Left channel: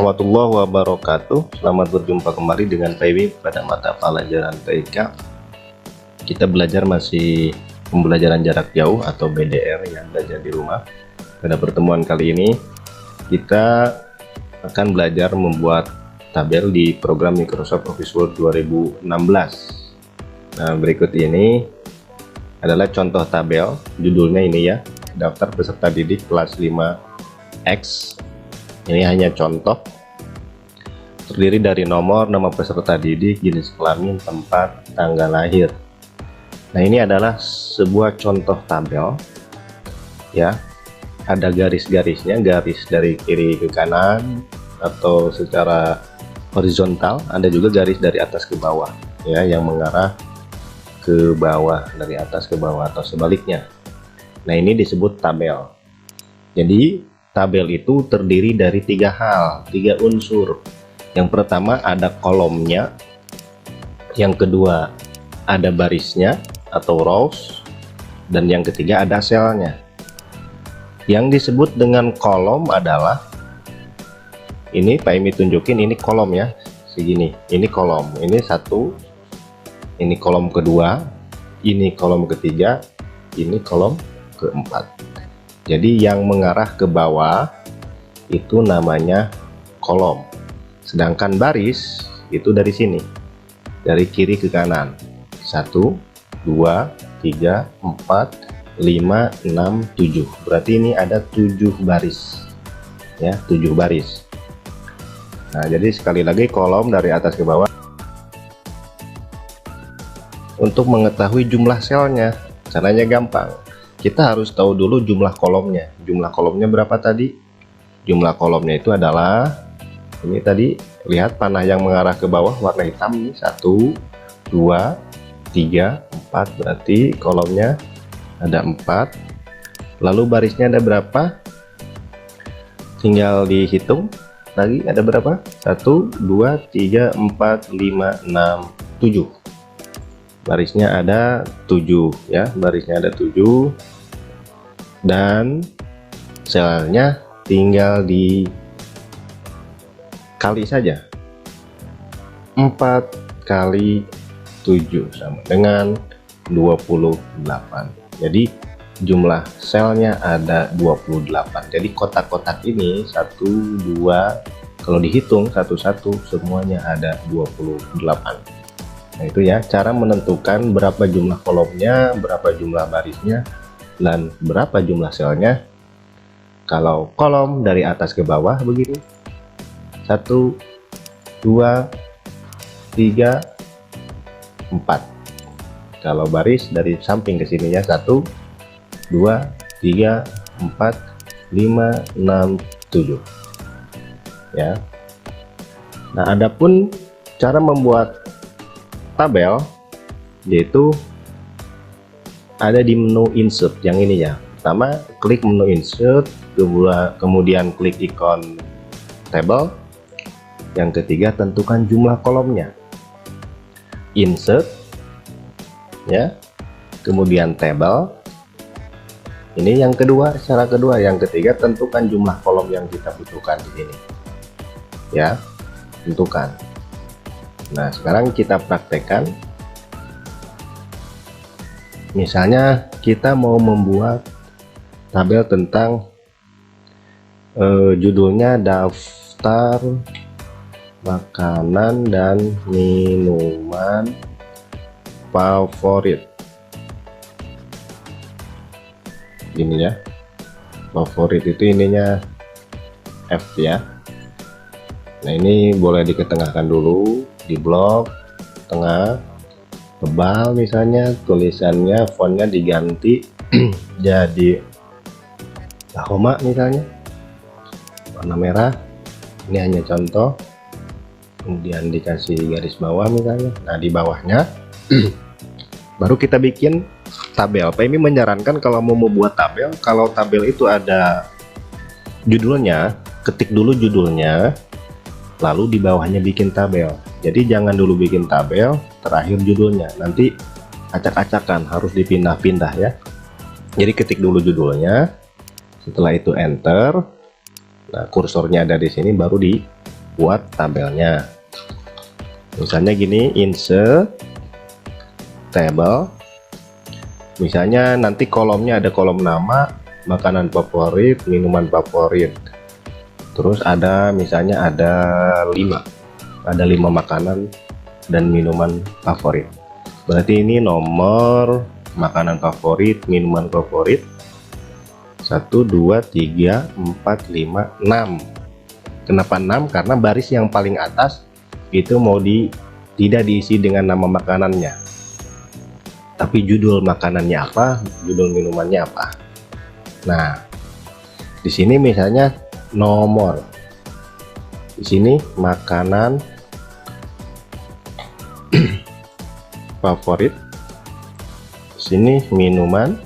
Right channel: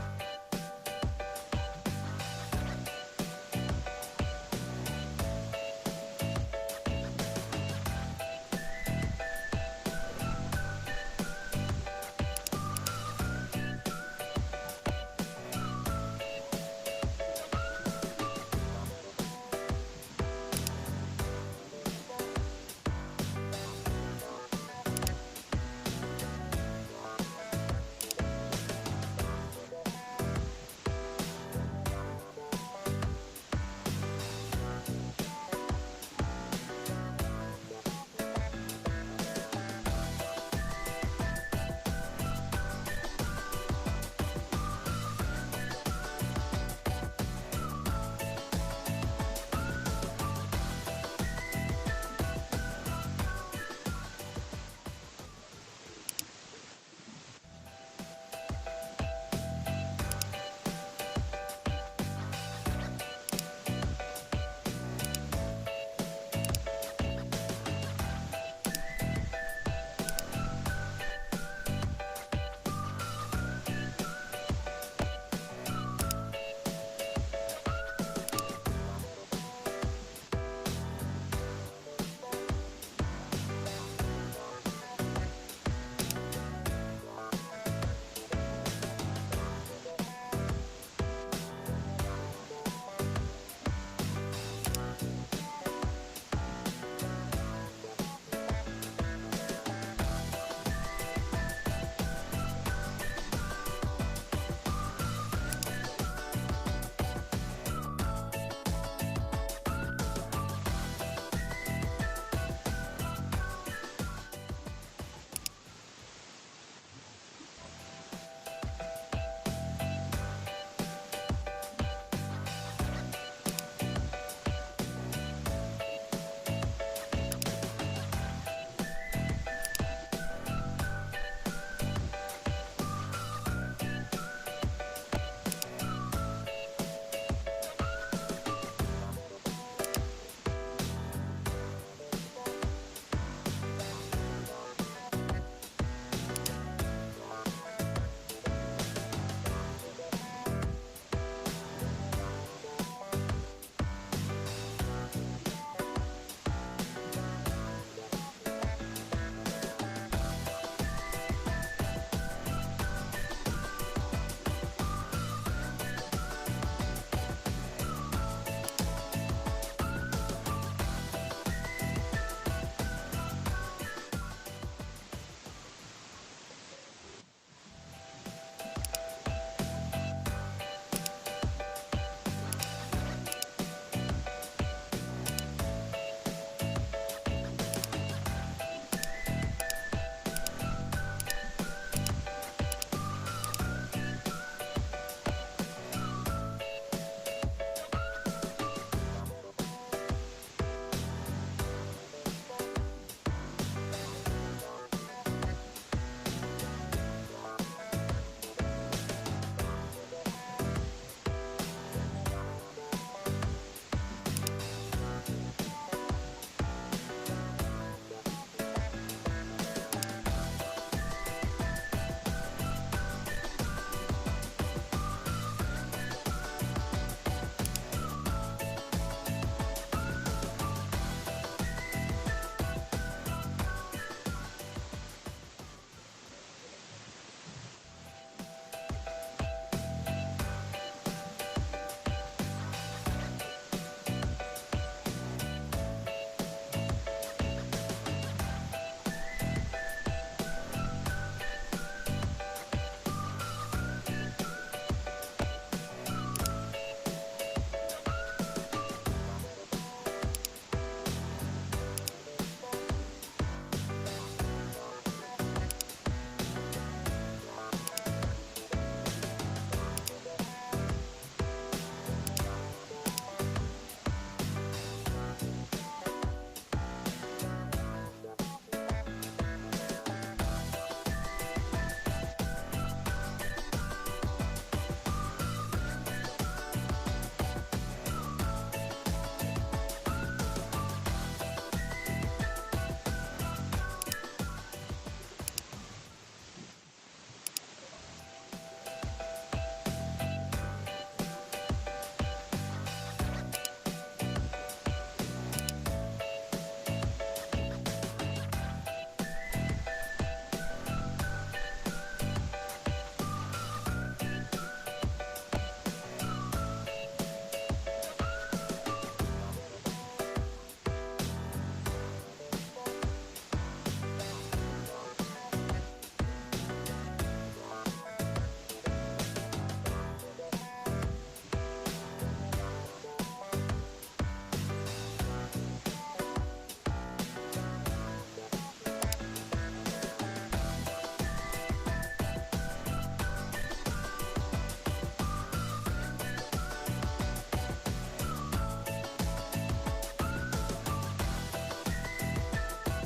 Warahmatullahi wabarakatuh. Selamat berjumpa kembali dengan Pak pada mata pelajaran TIK. Kita belajar masih pembelajaran jarak jauh atau BDR yang belajar di rumah. Pada pertemuan kali ini kita akan belajar membuat tabel di program Microsoft Office Word 2016. Nah, berikut ini adalah contoh tabel. Judulnya ini ya, daftar peserta didik kelas 5X. Ini hanya contoh, terdiri dari nomor, nama peserta didik, jenis kelamin, tempat, tanggal lahir. Nah, ini adalah sebuah contoh tabel ya, ada garis-garisnya, garis dari kiri ke kanan atau secara horizontal, ada juga garis dari atas ke bawah ya, yang mengarah ke bawah, dari atas ke bawah atau sebaliknya. Nah, ini disebut tabel. Jadi tabel itu terdiri dari tiga unsur. Yang pertama ada kolomnya, yang kedua ada barisnya atau rows, dan yang ketiga ada selnya. Yang disebut dengan kolom adalah ini, Pak Imi tunjukin, ini kolom ya, segini, ini kolom, ini satu, ini kolom kedua, ini kolom ketiga, ini kolom keempat. Jadi yang mengarah ke bawah itu namanya kolom, sedangkan baris itu dari sini, dari kiri ke kanan, 1 2 3 4 5 6 7, berarti ini ada 7 baris ya, 7 baris. Nah, jadi sekali lagi kolom dari atas ke bawah. Untuk mengetahui jumlah selnya, caranya gampang. Kita harus tahu dulu jumlah kolomnya. Jumlah kolomnya berapa tadi? Jumlah kolomnya itu adalah ini tadi, lihat panah yang mengarah ke bawah warna hitam ini, 1 2 3 4, berarti kolomnya ada 4. Lalu barisnya ada berapa? Tinggal dihitung lagi, ada berapa? 1 2 3 4 5 6 7. Barisnya ada 7 ya, barisnya ada 7, dan selnya tinggal dikali saja. 4 kali 7 sama dengan 28. Jadi jumlah selnya ada 28. Jadi kotak-kotak ini 1 2, kalau dihitung satu-satu semuanya ada 28. Nah, itu ya cara menentukan berapa jumlah kolomnya, berapa jumlah barisnya, dan berapa jumlah selnya. Kalau kolom dari atas ke bawah begini, 1 2 3 4. Kalau baris dari samping ke sininya 1 2 3 4 5 6 7 ya. Nah, adapun cara membuat tabel yaitu ada di menu insert yang ini ya. Pertama klik menu insert, kemudian klik ikon table. Yang ketiga tentukan jumlah kolomnya, insert ya, kemudian table. Ini yang kedua, cara kedua. Yang ketiga tentukan jumlah kolom yang kita butuhkan di sini ya, tentukan. Nah, sekarang kita praktekkan. Misalnya kita mau membuat tabel tentang judulnya daftar makanan dan minuman favorit. Ini ya, favorit itu ininya F ya. Nah, ini boleh diketengahkan dulu, di blok tengah, tebal misalnya, tulisannya fontnya diganti jadi Tahoma misalnya, warna merah. Ini hanya contoh, kemudian dikasih garis bawah misalnya. Nah, di bawahnya baru kita bikin tabel. Pak Imi menyarankan kalau mau membuat tabel, kalau tabel itu ada judulnya, ketik dulu judulnya, lalu di bawahnya bikin tabel. Jadi jangan dulu bikin tabel, terakhir judulnya, nanti acak-acakan, harus dipindah-pindah ya. Jadi ketik dulu judulnya, setelah itu enter. Nah, kursornya ada di sini, baru di buat tabelnya. Misalnya gini, insert table. Misalnya nanti kolomnya ada kolom nama, makanan favorit, minuman favorit. Terus ada misalnya ada 5 makanan dan minuman favorit. Berarti ini nomor makanan favorit, minuman favorit 1, 2, 3, 4, 5, 6. Kenapa 6? Karena baris yang paling atas itu tidak diisi dengan nama makanannya, tapi judul makanannya apa, judul minumannya apa. Nah, di sini misalnya nomor, di sini makanan favorit, di sini minuman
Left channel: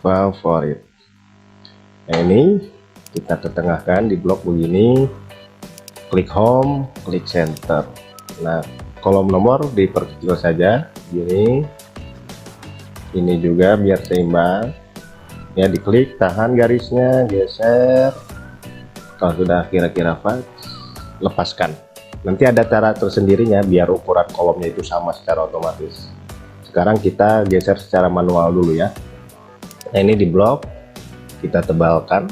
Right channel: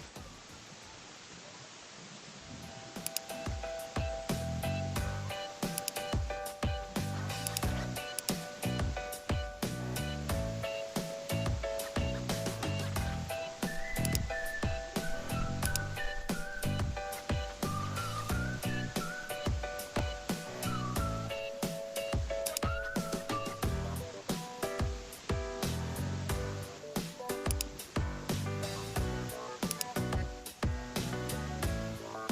favorit. Nah, ini kita ketengahkan di blok begini, klik home, klik center. Nah, kolom nomor diperkecil saja gini, ini juga biar seimbang ya, diklik, tahan garisnya, geser. Kalau sudah kira-kira pas, lepaskan. Nanti ada cara tersendirinya biar ukuran kolomnya itu sama secara otomatis. Sekarang kita geser secara manual dulu ya. Nah, ini di blok kita tebalkan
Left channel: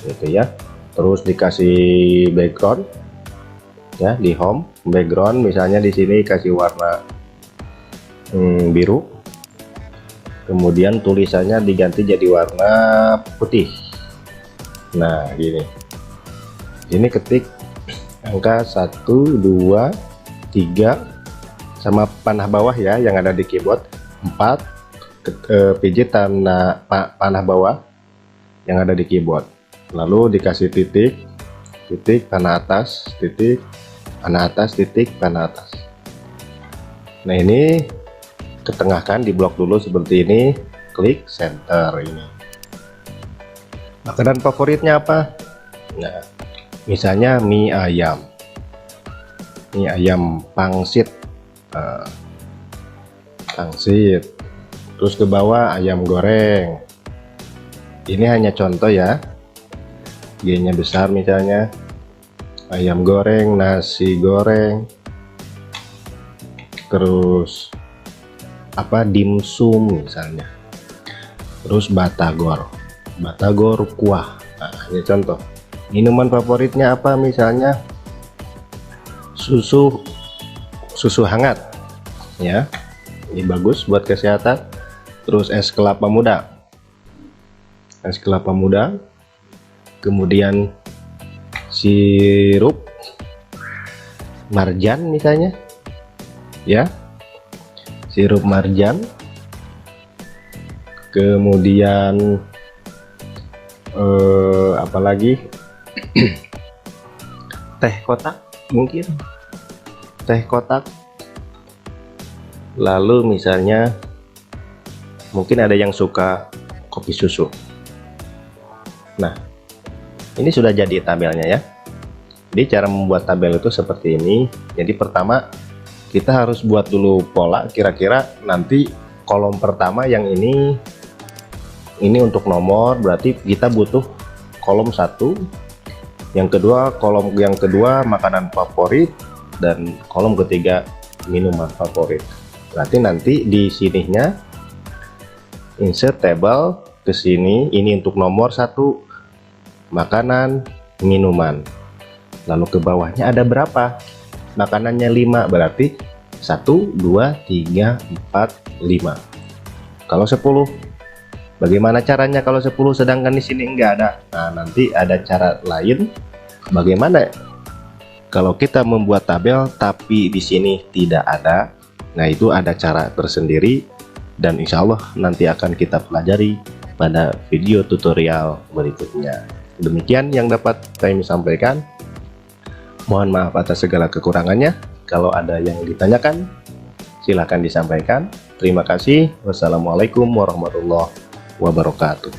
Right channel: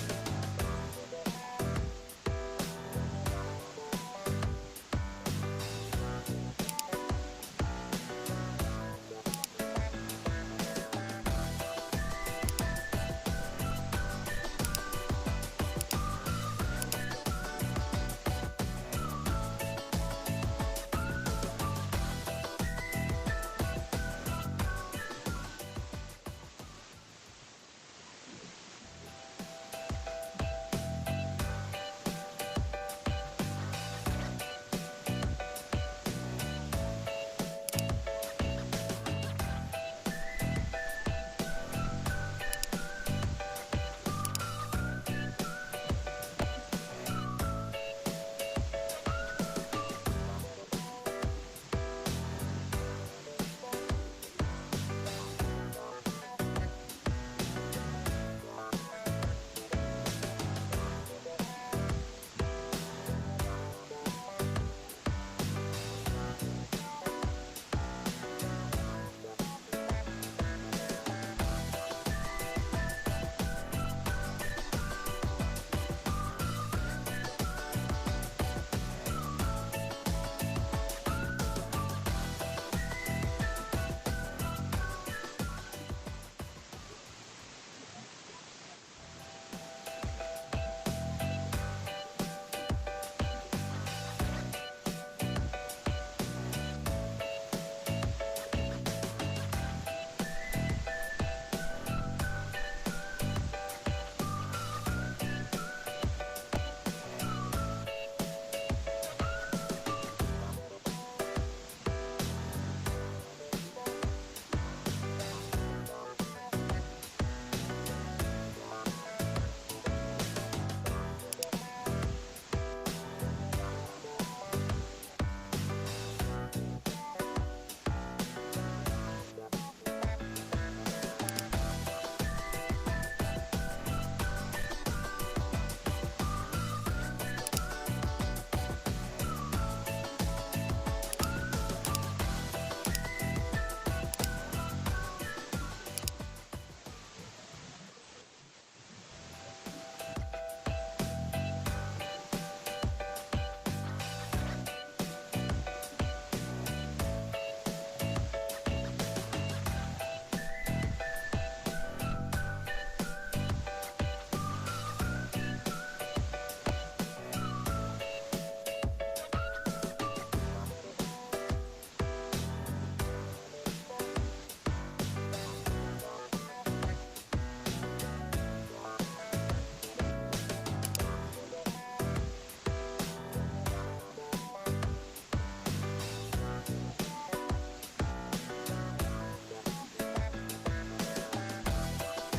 gitu ya, terus dikasih background ya, di home background misalnya di sini kasih warna biru, kemudian tulisannya diganti jadi warna putih. Nah, gini, ini ketik angka 1, 2, 3 sama panah bawah ya yang ada di keyboard, 4 pijit panah bawah yang ada di keyboard, lalu dikasih titik, titik, panah atas, titik, panah atas, titik, panah atas. Nah, ini ketengahkan di blok dulu seperti ini, klik center. Ini makanan favoritnya apa? Nah, misalnya mie ayam pangsit, pangsit. Terus ke bawah ayam goreng. Ini hanya contoh ya, G-nya besar misalnya ayam goreng, nasi goreng, terus apa, dimsum misalnya, terus batagor kuah. Nah, ini contoh. Minuman favoritnya apa, misalnya susu hangat ya, ini bagus buat kesehatan. Terus es kelapa muda, kemudian sirup marjan misalnya ya, sirup marjan, kemudian apalagi teh kotak, mungkin teh kotak. Lalu misalnya mungkin ada yang suka kopi susu. Nah, ini sudah jadi tabelnya ya. Jadi cara membuat tabel itu seperti ini. Jadi pertama kita harus buat dulu pola, kira-kira nanti kolom pertama yang ini untuk nomor, berarti kita butuh kolom 1, kolom yang kedua makanan favorit, dan kolom ketiga minuman favorit. Berarti nanti di sininya insert table ke sini, ini untuk nomor 1 makanan, minuman. Lalu ke bawahnya ada berapa? Makanannya 5, berarti 1, 2, 3, 4, 5. Kalau 10, bagaimana caranya kalau 10 sedangkan di sini enggak ada? Nah, nanti ada cara lain. Bagaimana kalau kita membuat tabel tapi di sini tidak ada? Nah, itu ada cara tersendiri, dan insya Allah nanti akan kita pelajari pada video tutorial berikutnya. Demikian yang dapat kami sampaikan. Mohon maaf atas segala kekurangannya. Kalau ada yang ditanyakan, silahkan disampaikan. Terima kasih. Wassalamualaikum warahmatullahi wabarakatuh.